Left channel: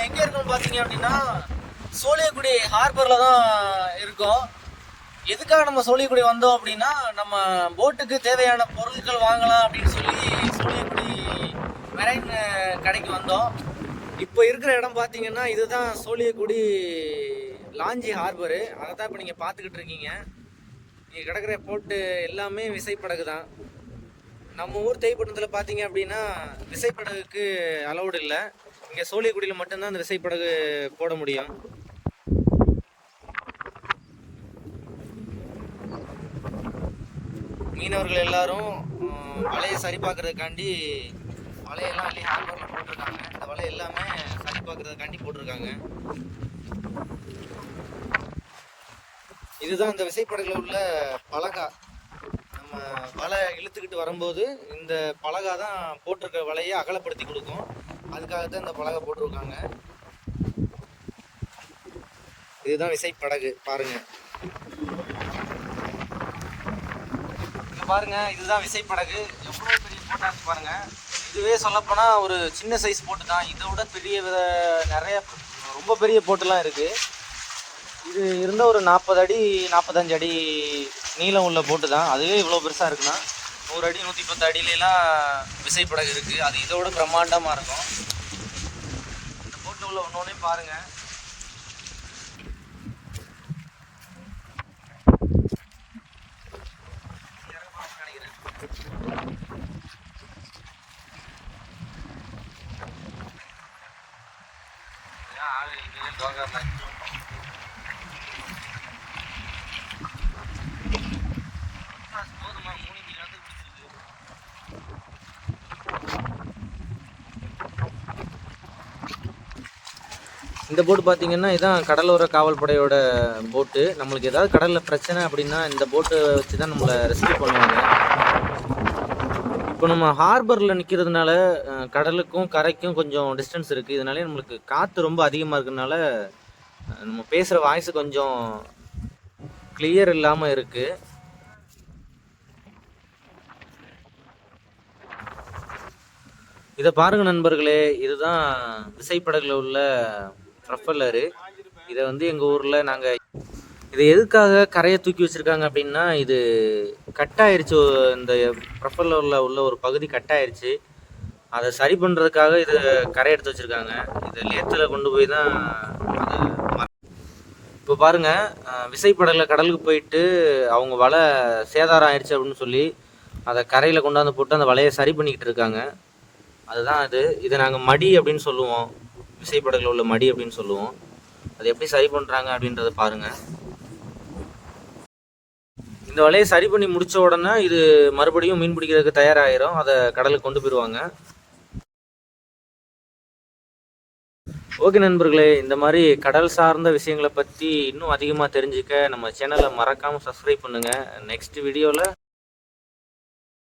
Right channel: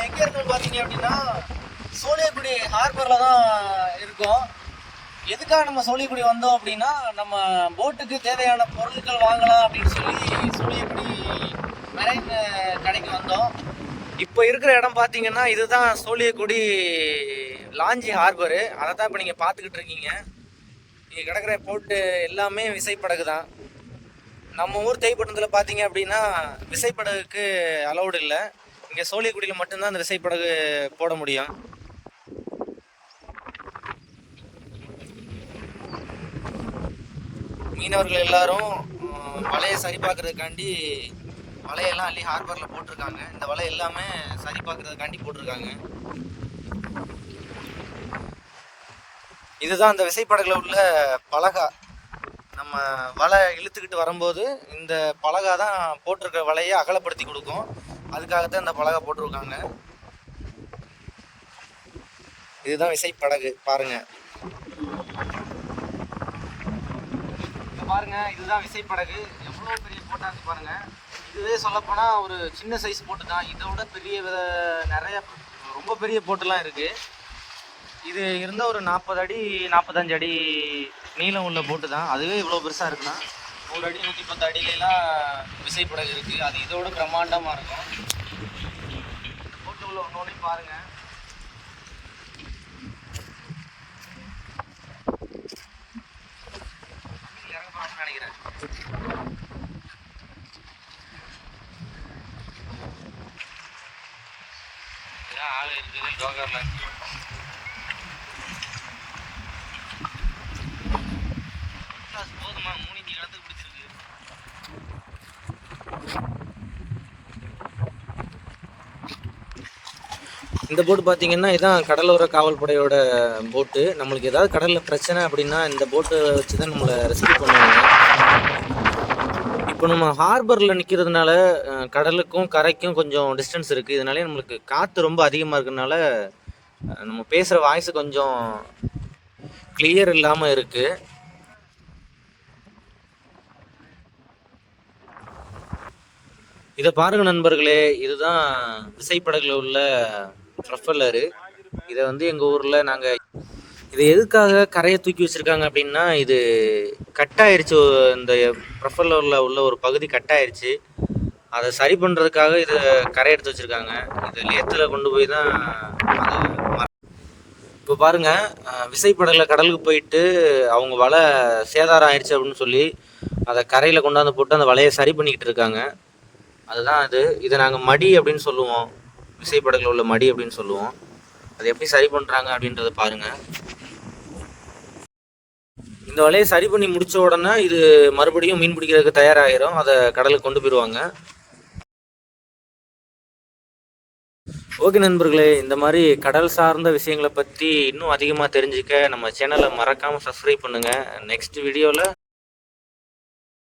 நம்ம எங்கே இருக்கோம்னு பார்த்தீங்க அப்படின்னா சோழியக்குடி ஹார்பரில் தான் இருக்கோம். எதுக்காக நம்ம சோழியக்குடி வந்தோம் அப்படின்னா, நம்ம போட்டுக்கு தேவையான பொருட்கள் வாங்கலாம் அப்படின்னு சொல்லி சோழியக்குடி மெரைன் கடைக்கு வந்தோம். இப்போ இருக்கிற இடம் பார்த்தீங்கன்னா இதுதான் சோழியக்குடி லாஞ்சி ஹார்பரு. அதை தான் இப்போ நீங்கள் பார்த்துக்கிட்டு இருக்கீங்க. இங்கே கிடக்கிற போட்டு எல்லாமே விசைப்படகு தான். நம்ம ஊர் தேய்ப்பட்டத்தில் பார்த்தீங்க அப்படின்னா விசைப்படகுக்கு அலௌடு இல்லை. இங்கே சோழியக்குடியில் மட்டும்தான் அந்த விசைப்படகு போட முடியும். மீனவர்கள் எல்லாரும் வலையை சரி பார்க்கறதுக்காண்டி வலையெல்லாம் அள்ளி ஹார்பரில் போட்டிருக்காங்க. இந்த வலை எல்லாமே சரி பார்க்கறதுக்காண்டி போட்டிருக்காங்க. இதுதான் அந்த விசைப்படகுல உள்ள பலகா. நம்ம வலை இழுத்துக்கிட்டு வரும்போது இந்த பலகா தான் போட்டிருக்க வலையை அகலப்படுத்தி கொடுக்கும். அதுக்காகத்தான் இந்த பலகை போட்டிருக்காங்க. இதுதான் விசைப்படகு. பாருங்க, பாருங்க, இதுதான் விசைப்படகு. எவ்வளோ பெரிய போட்டா இருக்கு பாருங்க. இதுவே சொல்லப்போனால் ஒரு சின்ன சைஸ் போட்டு தான். இதை விட பெரிய நிறைய ரொம்ப பெரிய போட்டுலாம் இருக்கு. இது இருந்த ஒரு 40 அடி 45 அடி நீளம் உள்ள போட்டு தான். அதுவே இவ்வளோ பெருசாக இருக்குன்னா 100 அடி 110 அடியிலாம் விசைப்படகு இருக்கு. அது இதோட பிரம்மாண்டமாக இருக்கும். இந்த போட்டு உள்ள ஒன்னொன்னே பாருங்க. நினைக்கிறேன் ஆளு இருக்குது டோக்கர்ல. போதுமா 3 இன்ச்சு கலந்து பிடிச்சிருக்கு. இந்த போட்டு பார்த்தீங்கன்னா இதுதான் கடலோர காவல் படையோட போட்டு. நம்மளுக்கு ஏதாவது கடலில் பிரச்சனை அப்படின்னா இந்த போட்டை வச்சு தான் நம்மளை ரெஸ்கியூ பண்ணுவாங்க. இப்போ நம்ம ஹார்பரில் நிற்கிறதுனால கடலுக்கும் கரைக்கும் கொஞ்சம் டிஸ்டன்ஸ் இருக்குது. இதனாலே நம்மளுக்கு காற்று ரொம்ப அதிகமாக இருக்கிறதுனால நம்ம பேசுகிற வாய்ஸ் கொஞ்சம் கிளியர் இல்லாமல் இருக்குது. இதை பாருங்க நண்பர்களே, இதுதான் விசைப்படகுல உள்ள ப்ரொஃபல்லரு. இதை வந்து எங்கள் ஊரில் நாங்கள் இதை எதுக்காக கரையை தூக்கி வச்சுருக்காங்க அப்படின்னா, இது கட்டாயிருச்சு. இந்த ப்ரொஃபல்லரில் உள்ள ஒரு பகுதி கட்டாயிருச்சு. அதை சரி பண்ணுறதுக்காக இதை கரை எடுத்து வச்சுருக்காங்க. இது லேத்தில் கொண்டு போய் தான் இப்போ பாருங்கள், விசைப்படகுல கடலுக்கு போயிட்டு அவங்க வலை சேதாரம் ஆயிடுச்சு அப்படின்னு சொல்லி அதை கரையில் கொண்டாந்து போட்டு அந்த வலையை சரி பண்ணிக்கிட்டு இருக்காங்க. அதுதான் இதை நாங்கள் மடி அப்படின்னு சொல்லுவோம். விசைப்படகுல உள்ள மடி அப்படின்னு சொல்லுவோம். அது எப்படி சரி பண்ணுறாங்க அப்படின்றத பாருங்கள். இந்த வலையை சரி பண்ணி முடித்த உடனே இது மறுபடியும் மீன் பிடிக்கிறதுக்கு தயாராகிடும். அதை கடலுக்கு கொண்டு போயிடுவாங்க. ஓகே நண்பர்களே, இந்த மாதிரி கடல் சார்ந்த விஷயங்களை பற்றி இன்னும் அதிகமாக தெரிஞ்சுக்க நம்ம சேனலை மறக்காமல் சப்ஸ்கிரைப் பண்ணுங்கள். நெக்ஸ்ட் வீடியோவில்